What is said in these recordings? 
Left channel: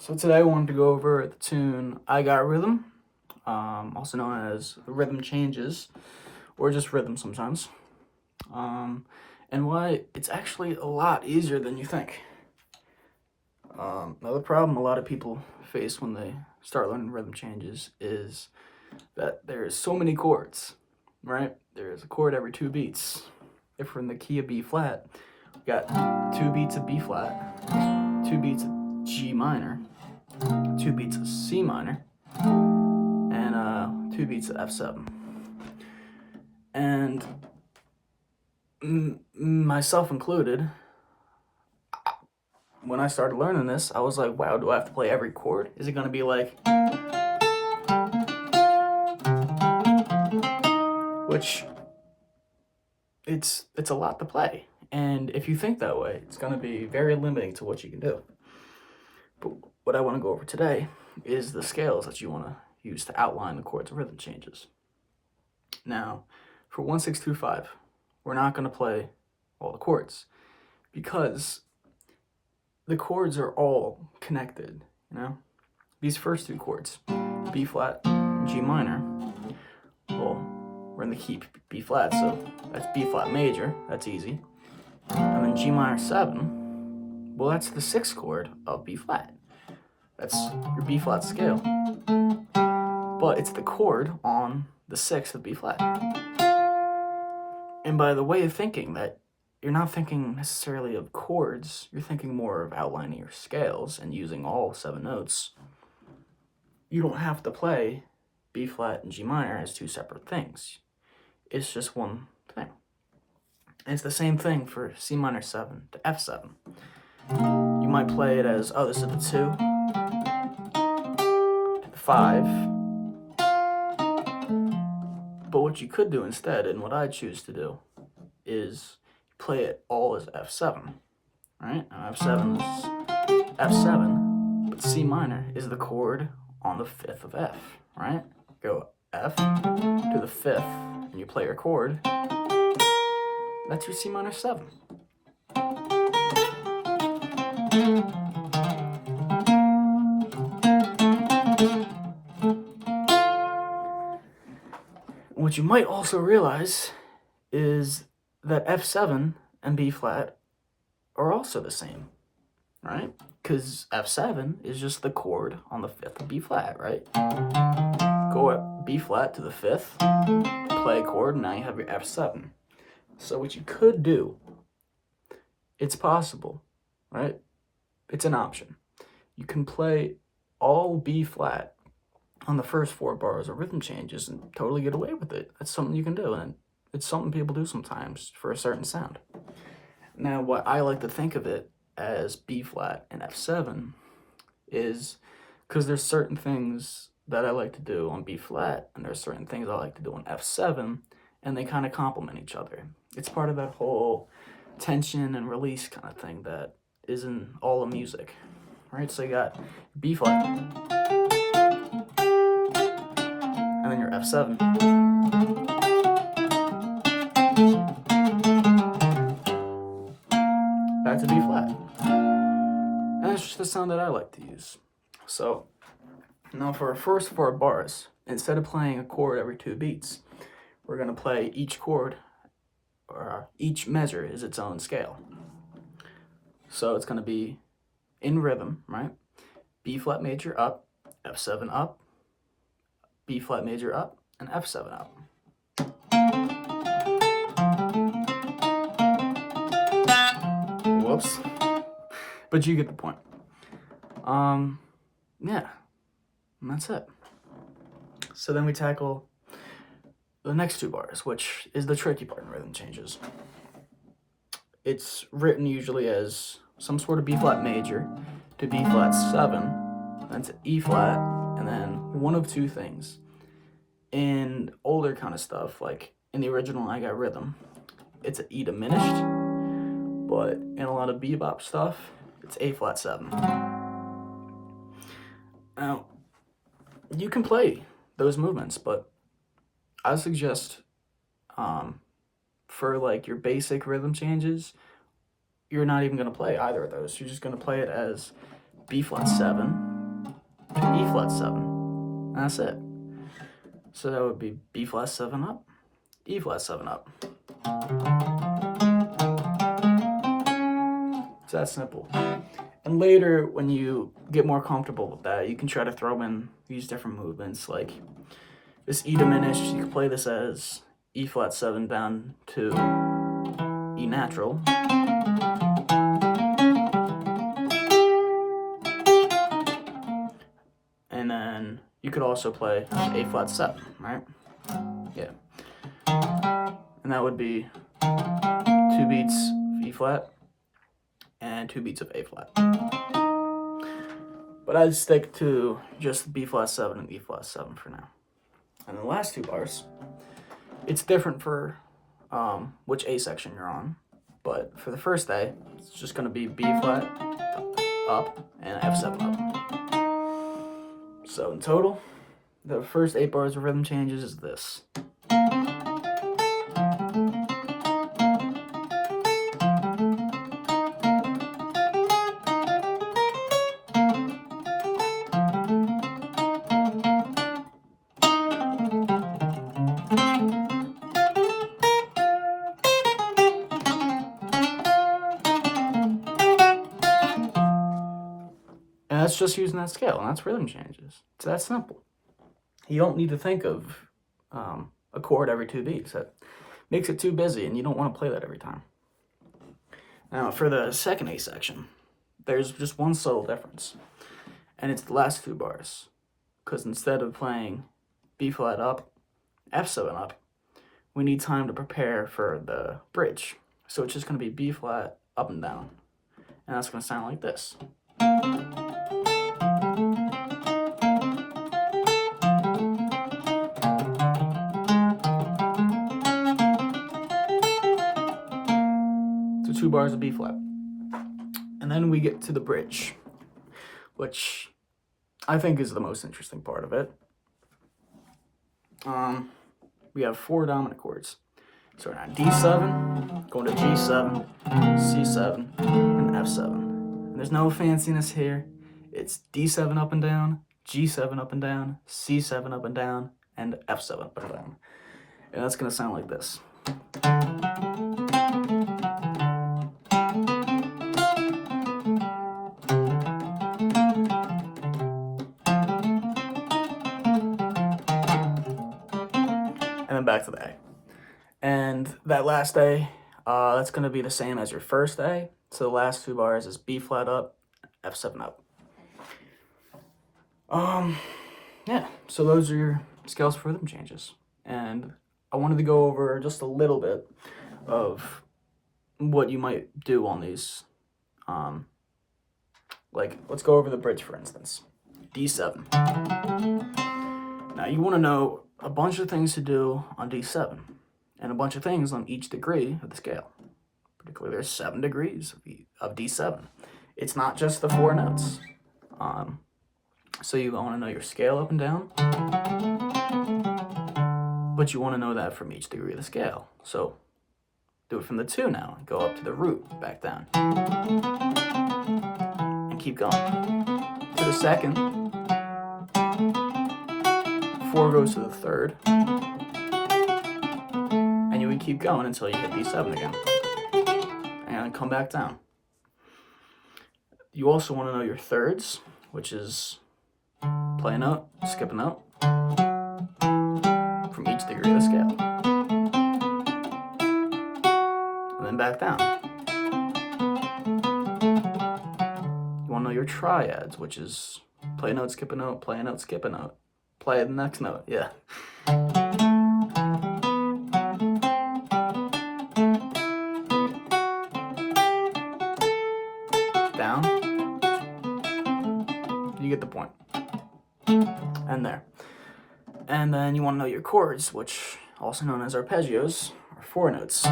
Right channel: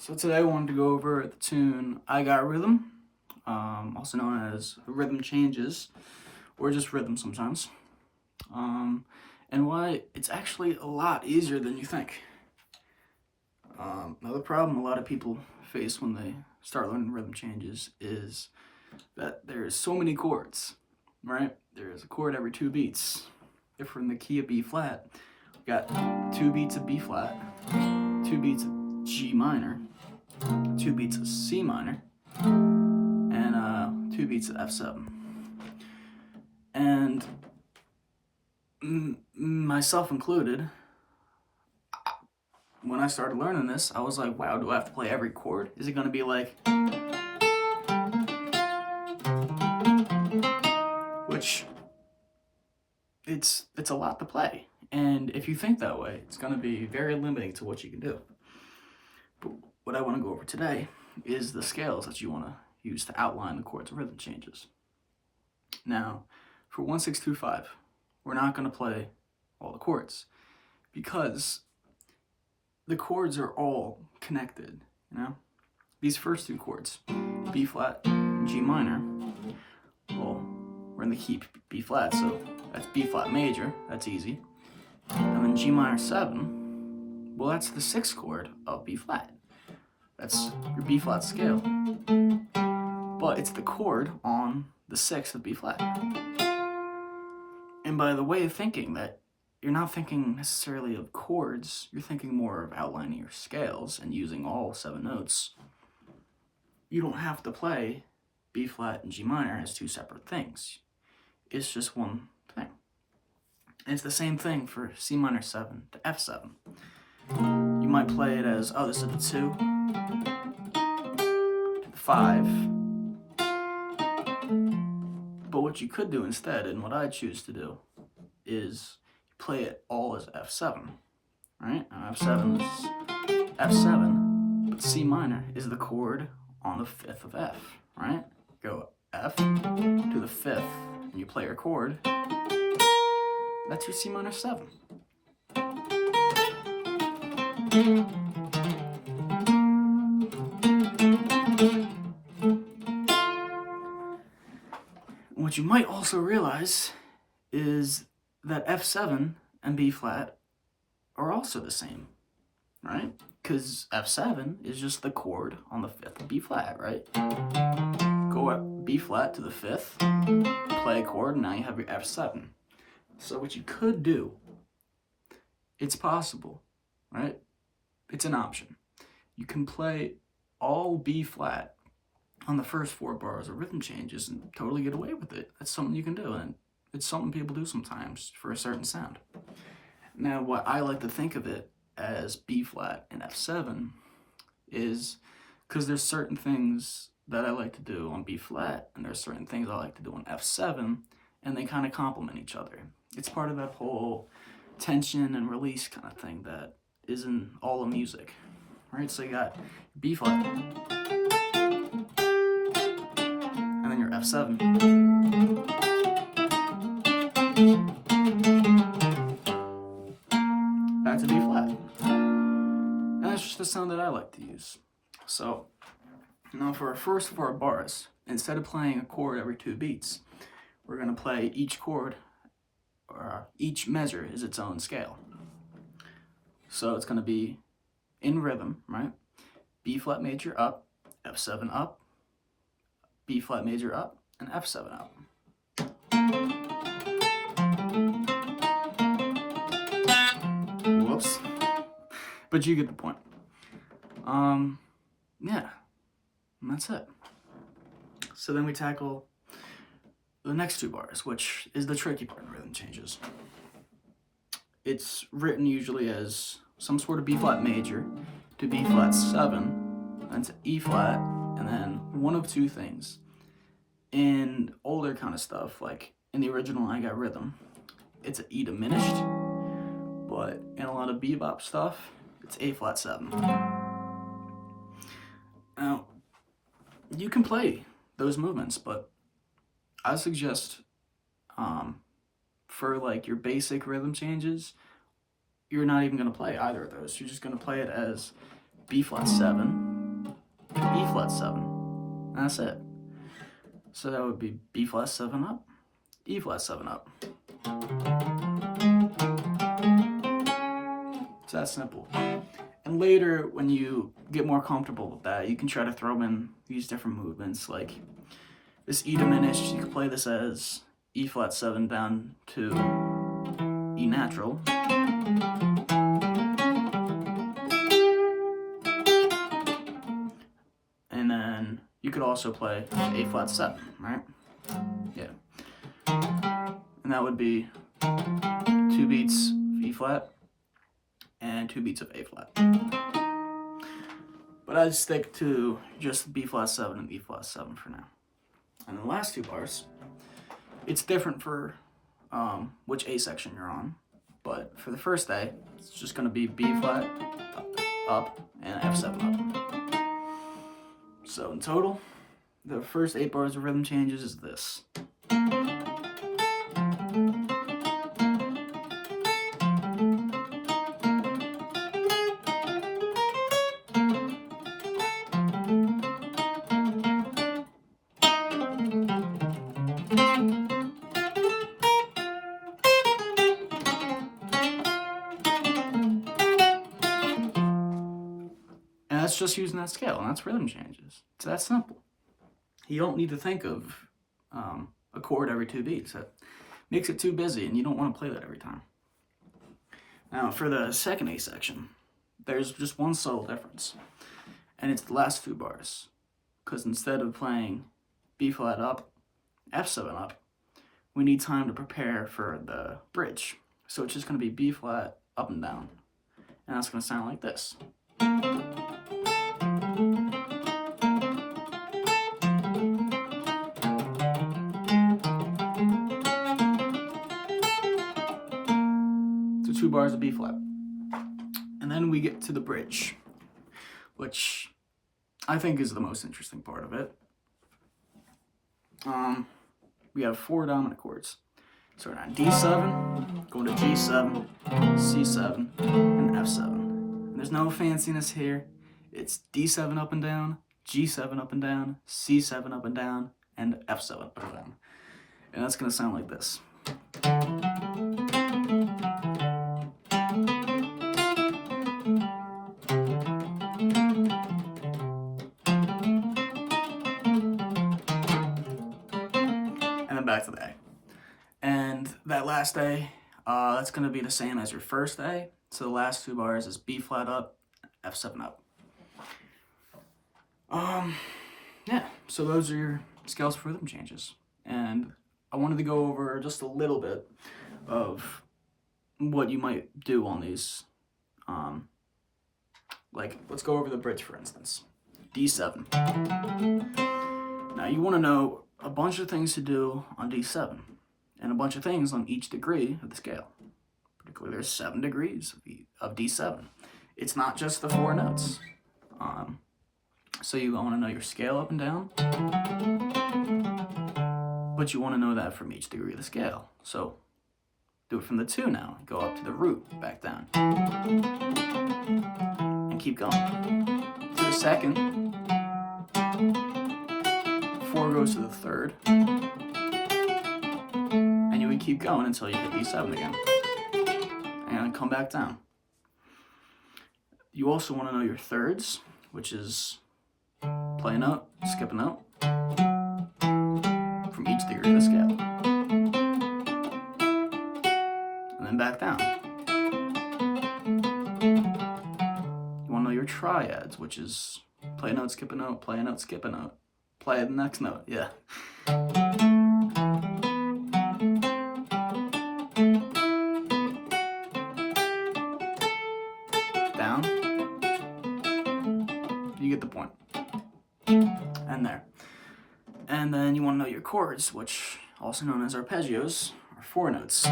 So today I wanted to go over the tune I Got Rhythm, also known as Rhythm Changes, or just Rhythm sometimes, and why it's actually a lot easier than you think. Another problem a lot of people face when they start learning rhythm changes is that there's so many chords, right? There's a chord every 2 beats. If we're in the key of B flat, we got 2 beats of B flat, 2 beats of G minor, 2 beats of C minor, and 2 beats of F7. And myself included, when I started learning this, I was like, wow, do I have to play every chord? Is it going to be like... Which, it's a lot to play. And if you think that way, it's going to be very limiting to what you can do. But what I want to go over today is the scales that you want to use to outline the chords of rhythm changes. Now, for 1, 6, 2, 5, we're not going to play all the chords because the chords are all connected, you know? These first 2 chords, B flat, G minor, well, we're in the key B flat, so that's B flat major, that's easy. And then G minor 7, well, that's the 6th chord of B flat. That's your B flat scale. But it's the chord on the 6th of B flat. And by the way of thinking that, you're not thinking necessarily of chords, you're thinking more of outlining your scales and using all 7 notes. You don't have to play B flat and G minor as 2 separate things. It's just one thing. And it's the same thing for C minor 7 to F7. You might play it as, oh, this is the 2 to the 5. But what you could do instead, and what I choose to do, is play it all as F7, right? Now F7 is F7, but C minor is the chord on the 5th of F, right? Go F to the 5th, and you play your chord. That's your C minor 7. What you might also realize is that F7 and B flat are also the same, right? Because F7 is just the chord on the 5th of B flat, right? Go at B flat to the 5th, play a chord, and now you have your F7. So what you could do, it's possible, right? It's an option. You can play all B flat on the first 4 bars of rhythm changes and totally get away with it. That's something you can do, and it's something people do sometimes for a certain sound. Now, what I like to think of it as B flat and F7 is because there's certain things that I like to do on B flat, and there's certain things I like to do on F7, and they kind of complement each other. It's part of that whole tension and release kind of thing that is in all of music, right? So you got B flat, and then your F7. Back to B flat. And that's just the sound that I like to use. So, now for our first 4 bars, instead of playing a chord every 2 beats, we're going to play each chord, or each measure is its own scale. So it's going to be in rhythm, right? B flat major up, F7 up, B flat major up, and F7 up. Whoops. But you get the point. Yeah, and that's it. So then we tackle the next 2 bars, which is the tricky part in rhythm changes. It's written usually as some sort of B flat major to B flat 7, then to E flat, and then one of 2 things. In older kind of stuff, like in the original I Got Rhythm, it's an E diminished, but in a lot of bebop stuff, it's A flat 7. Now, you can play those movements, but I suggest for like your basic rhythm changes, you're not even going to play either of those. You're just going to play it as B flat 7 E flat 7. That's it. So that would be B flat 7 up, E flat 7 up. It's that simple. And later, when you get more comfortable with that, you can try to throw in these different movements, like this E diminished. You can play this as E flat 7 down to E natural. And then you could also play A flat 7, right? Yeah. And that would be 2 beats of E flat and 2 beats of A flat. But I'd stick to just B flat 7 and E flat 7 for now. And the last 2 bars, it's different for which A section you're on. But for the first A, it's just going to be B flat up and F7 up. So in total, the first 8 bars of rhythm changes is this. And that's just using that scale, and that's rhythm changes. It's that simple. You don't need to think of a chord every 2 beats. That makes it too busy, and you don't want to play that every time. Now, for the second A section, there's just one subtle difference, and it's the last 2 bars. Because instead of playing B flat up, F7 up, we need time to prepare for the bridge. So it's just going to be B flat up and down, and that's going to sound like this. So 2 bars of B flat. And then we get to the bridge, which I think is the most interesting part of it. We have 4 dominant chords. So we're on D7, going to G7, C7, and F7. And there's no fanciness here. It's D7 up and down, G7 up and down, C7 up and down, and F7 up and down. And that's going to sound like this. And then back to the A. And that last A, that's going to be the same as your first A. So the last 2 bars is B flat up, F7 up. Yeah, so those are your scales for rhythm changes. And I wanted to go over just a little bit of what you might do on these. Like, let's go over the bridge, for instance. D7. Now, you want to know a bunch of things to do on D7, and a bunch of things on each degree of the scale. Particularly, there's 7 degrees of D7. It's not just the 4 notes. So you want to know your scale up and down, but you want to know that from each degree of the scale. So do it from the 2 now, go up to the root, back down, and keep going. To the second, 4 goes to the 3rd, and you would keep going until you hit D7 again, and come back down. You also want to know your thirds, which is play a note, skip a note, from each degree of the scale. And then back down. You want to know your triads, which is play a note, skip a note, play a note, skip a note. Play the next note, yeah. Down. You get the point. And there. And then you want to know your chords, which also known as arpeggios, are 4 notes.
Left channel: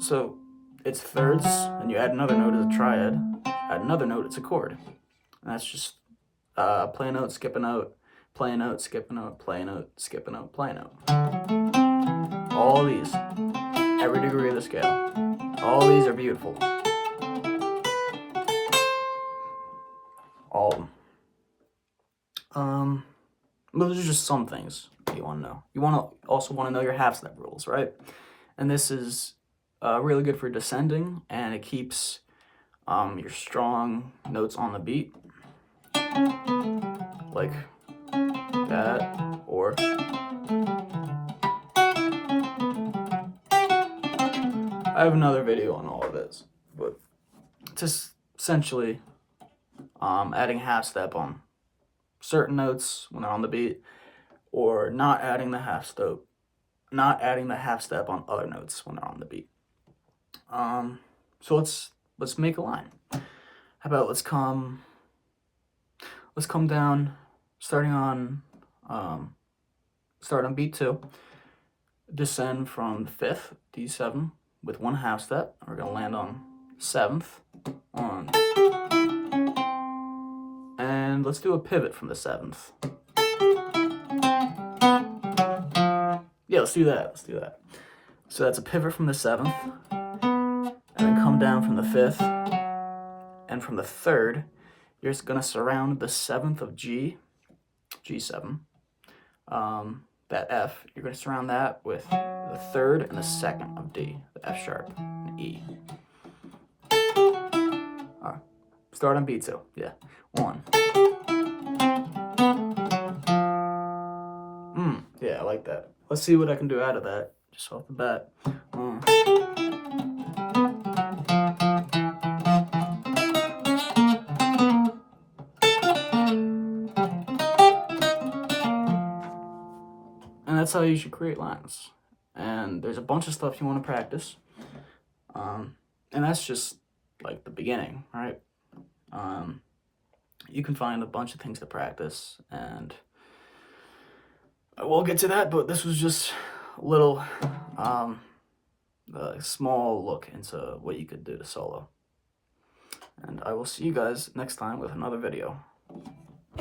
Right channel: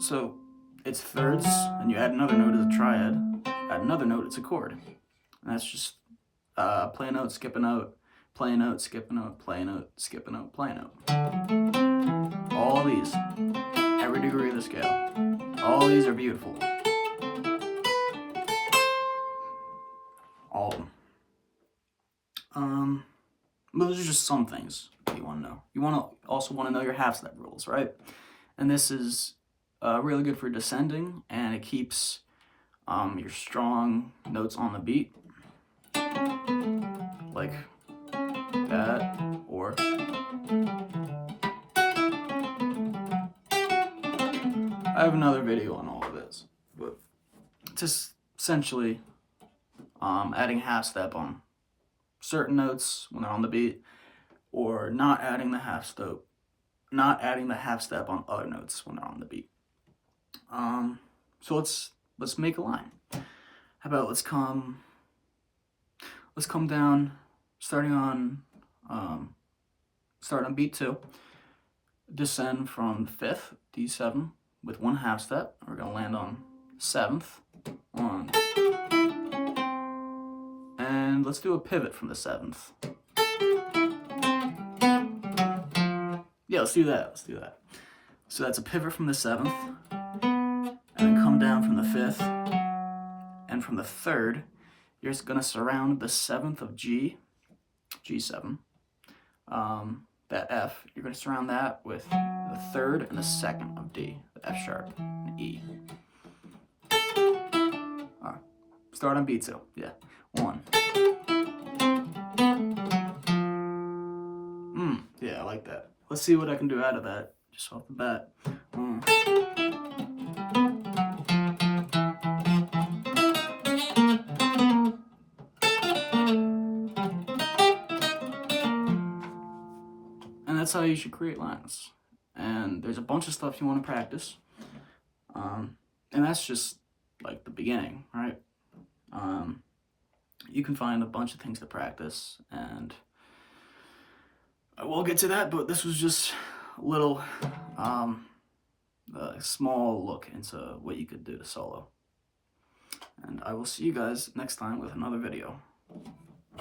So it's thirds, and you add another note as a triad, add another note, it's a chord. And that's just play a note, skip a note, play a note, skip a note, play a note, skip a note, play a note. All these, every degree of the scale. All these are beautiful. All of them. Those are just some things you want to know. You also want to know your half step rules, right? And this is really good for descending, and it keeps your strong notes on the beat, like that, or I have another video on all of this, but just essentially adding half step on certain notes when they're on the beat, or not adding the half step on other notes when they're on the beat. So let's make a line. How about let's come down, starting on beat 2, descend from the 5th, D7, with 1 half step. We're gonna land on 7th, 1, and let's do a pivot from the 7th. Yeah, let's do that. So that's a pivot from the 7th, and then come down from the 5th, and from the 3rd, you're just gonna surround the 7th of G7. That F, you're gonna surround that with the 3rd and the 2nd of D, the F sharp and E. All right, start on beat 2. Yeah, 1. Yeah, I like that. Let's see what I can do out of that, just off the bat. And that's how you should create lines. And there's a bunch of stuff you want to practice. And that's just like the beginning, right? You can find a bunch of things to practice, and I will get to that, but this was just a little small look into what you could do to solo. And I will see you guys next time with another video.